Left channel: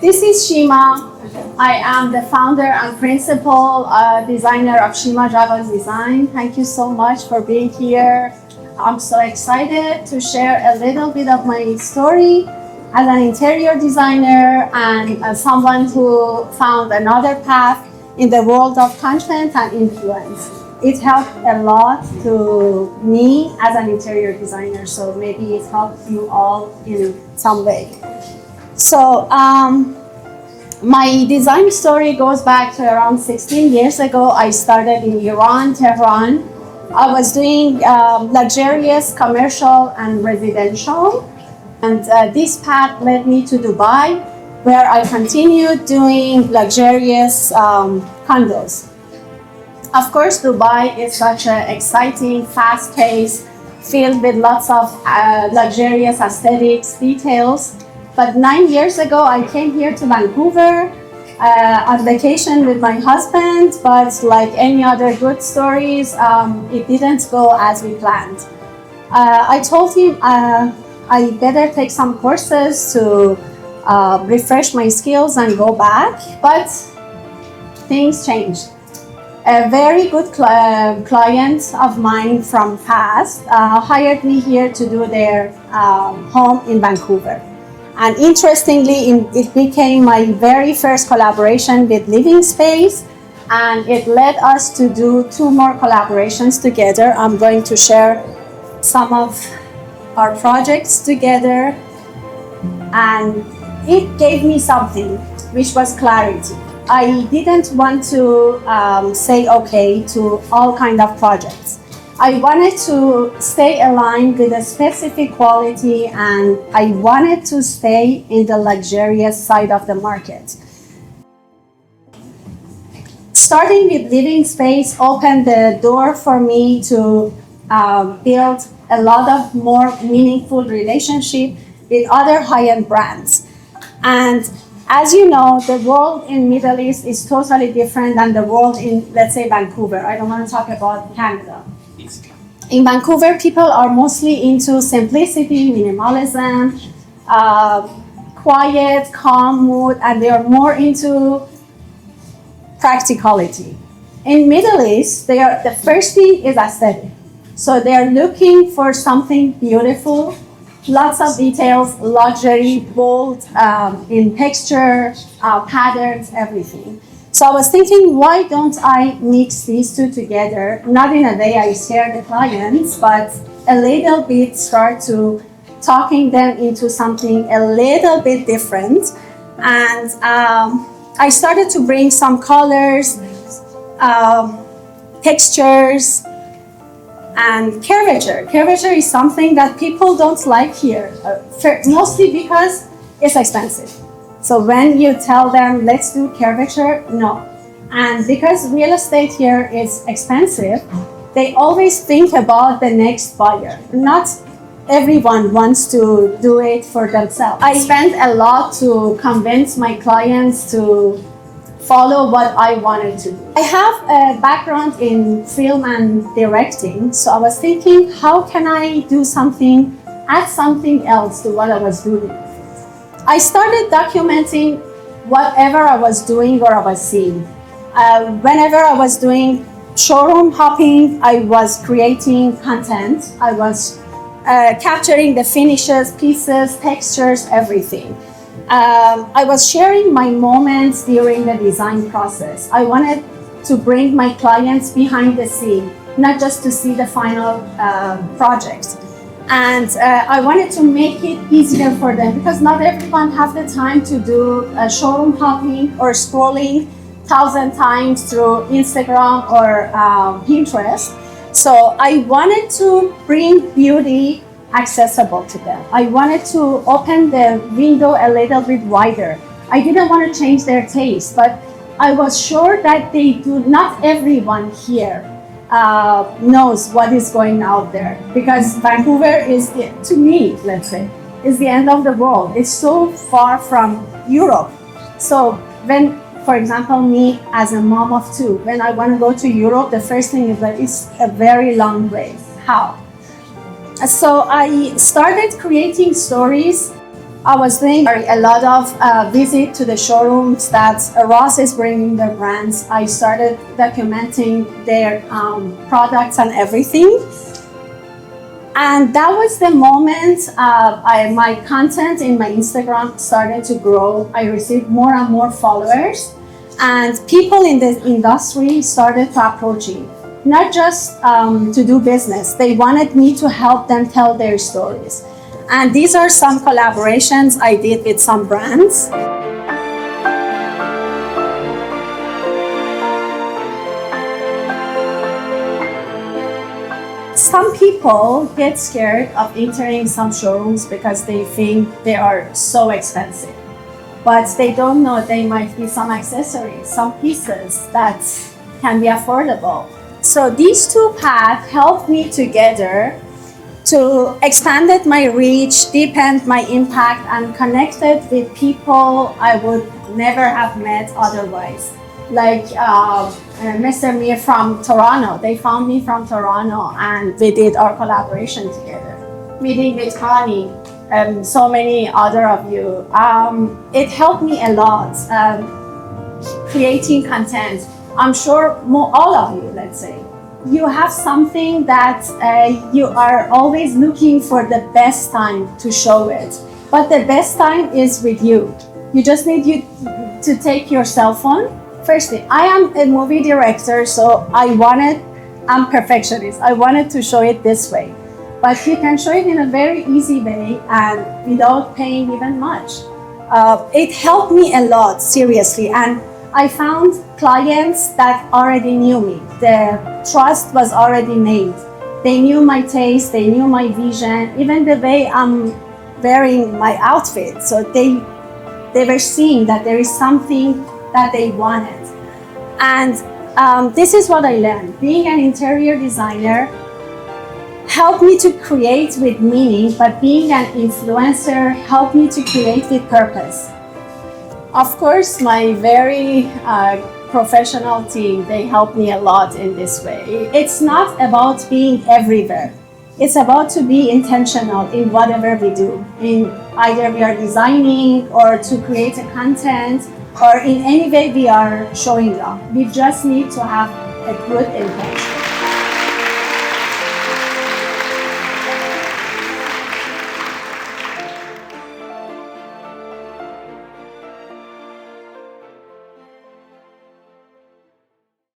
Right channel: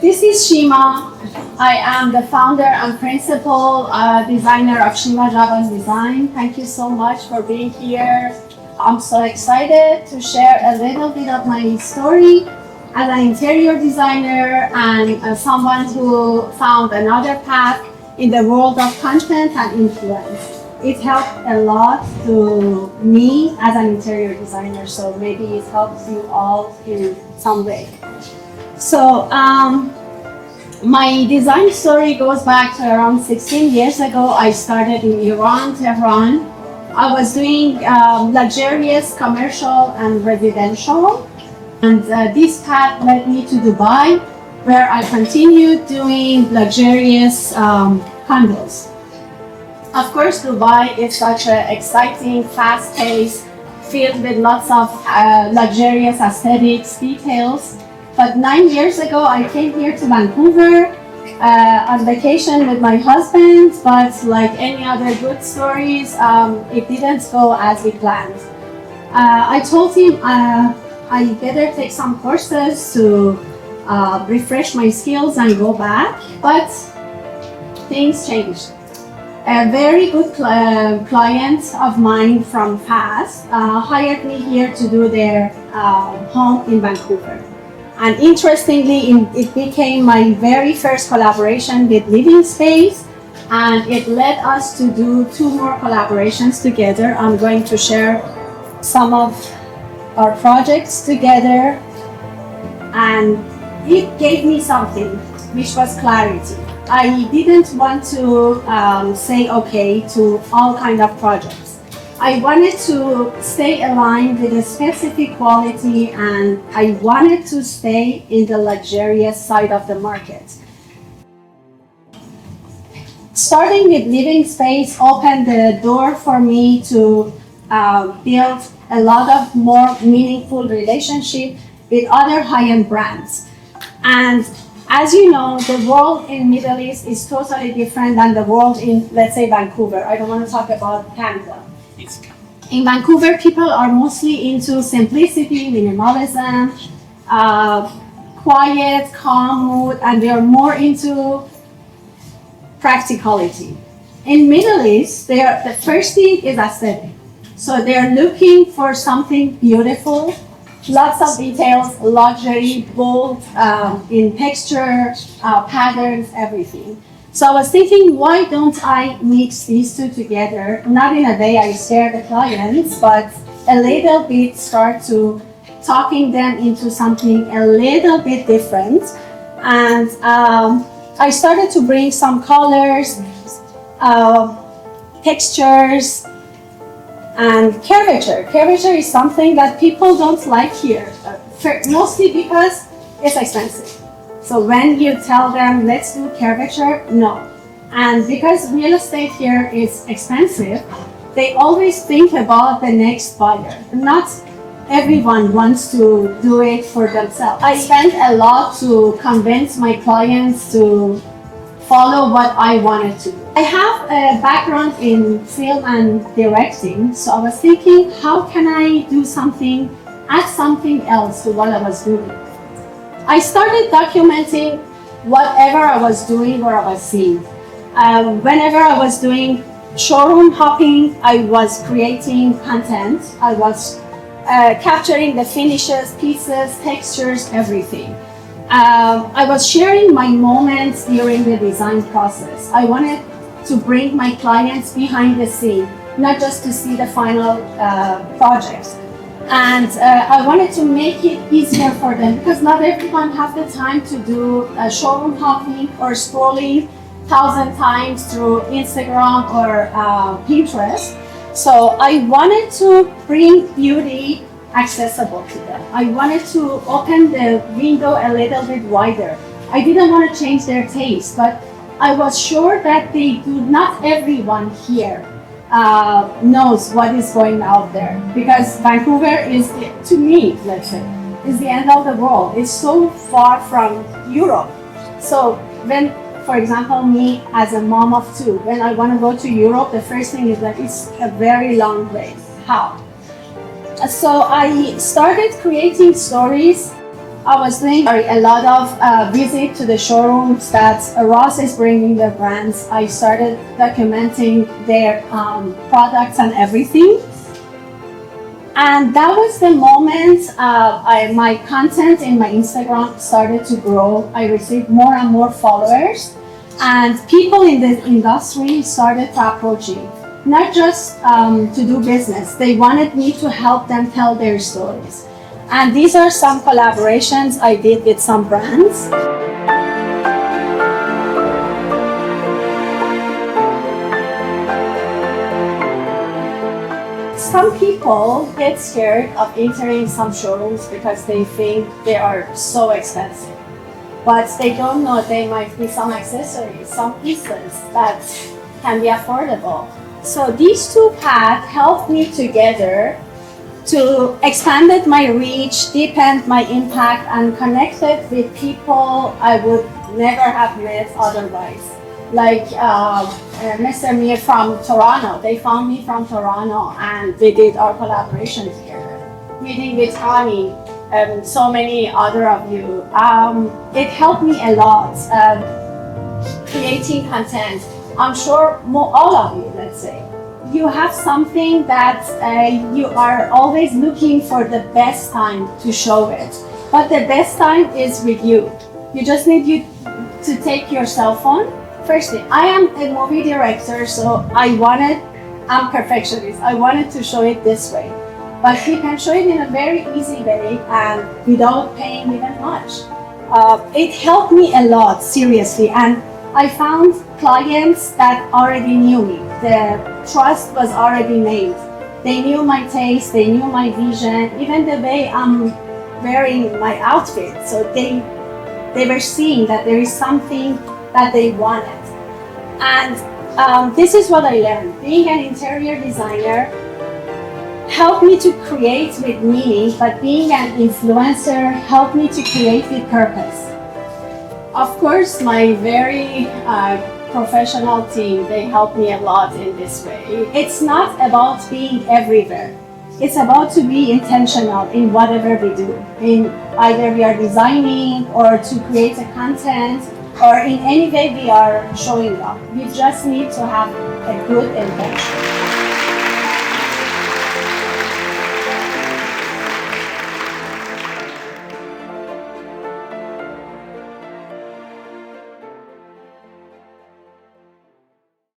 This is Shima. I am the founder and principal designer of Shima Javan's Design. Thank you so much for being here. I'm so excited to share a little bit of my story as an interior designer and someone who found another path in the world of content and influence. It helped a lot to me as an interior designer, so maybe it helps you all in some way. So my design story goes back to around 16 years ago. I started in Iran, Tehran. I was doing luxurious commercial and residential. And this path led me to Dubai, where I continued doing luxurious condos. Of course, Dubai is such an exciting, fast-paced, filled with lots of luxurious aesthetics, details. But 9 years ago, I came here to Vancouver on vacation with my husband, but like any other good stories, it didn't go as we planned. I told him I better take some courses to refresh my skills and go back, but things changed. A very good client of mine from past hired me here to do their home in Vancouver. And interestingly, it became my very first collaboration with Living Space, and it led us to do 2 more collaborations together. I'm going to share some of our projects together, and it gave me something, which was clarity. I didn't want to say okay to all kinds of projects. I wanted to stay aligned with a specific quality, and I wanted to stay in the luxurious side of the market. Starting with Living Space opened the door for me to build a lot of more meaningful relationship with other high-end brands. And as you know, the world in Middle East is totally different than the world in, let's say, Vancouver. I don't want to talk about Canada. In Vancouver, people are mostly into simplicity, minimalism, quiet, calm mood, and they are more into practicality. In Middle East, the first thing is aesthetic. So they're looking for something beautiful, lots of details, luxury, bold in texture, patterns, everything. So I was thinking, why don't I mix these 2 together? Not in a way I share the clients, but a little bit start to talking them into something a little bit different. And I started to bring some colors, textures, and curvature. Curvature is something that people don't like here, mostly because it's expensive. So when you tell them, let's do curvature, no. And because real estate here is expensive, they always think about the next buyer. Not everyone wants to do it for themselves. I spent a lot to convince my clients to follow what I wanted to do. I have a background in film and directing, so I was thinking, how can I do something, add something else to what I was doing? I started documenting whatever I was doing or I was seeing. Whenever I was doing showroom hopping, I was creating content. I was capturing the finishes, pieces, textures, everything. I was sharing my moments during the design process. I wanted to bring my clients behind the scene, not just to see the final project. And I wanted to make it easier for them because not everyone has the time to do showroom hopping or scrolling 1,000 times through Instagram or Pinterest. So I wanted to bring beauty accessible to them. I wanted to open the window a little bit wider. I didn't want to change their taste, but I was sure that not everyone here knows what is going out there, because Vancouver is, to me, let's say, is the end of the world. It's so far from Europe. So when, for example, me as a mom of 2, when I want to go to Europe, the first thing is that it's a very long way. How? So I started creating stories I was doing a lot of visit to the showrooms that Ross is bringing their brands. I started documenting their products and everything. And that was the moment my content in my Instagram started to grow. I received more and more followers, and people in the industry started to approach me, not just to do business. They wanted me to help them tell their stories. And these are some collaborations I did with some brands. Some people get scared of entering some showrooms because they think they are so expensive. But they don't know there might be some accessories, some pieces that can be affordable. So these two paths helped me together to expanded my reach, deepened my impact, and connected with people I would never have met otherwise. Like Mr. Mir from Toronto. They found me from Toronto and we did our collaboration together. Meeting with Connie, so many other of you. It helped me a lot creating content. I'm sure all of you, let's say, you have something that you are always looking for the best time to show it. But the best time is with you. You just need to take your cell phone. Firstly, I am a movie director, so I'm perfectionist. I wanted to show it this way. But you can show it in a very easy way and without paying even much. It helped me a lot, seriously. And I found clients that already knew me. The trust was already made. They knew my taste, they knew my vision, even the way I'm wearing my outfit. So they were seeing that there is something that they wanted. And this is what I learned. Being an interior designer helped me to create with meaning, but being an influencer helped me to create with purpose. Of course, my very professional team, they helped me a lot in this way. It's not about being everywhere. It's about to be intentional in whatever we do. In either we are designing or to create a content or in any way we are showing up. We just need to have a good intention.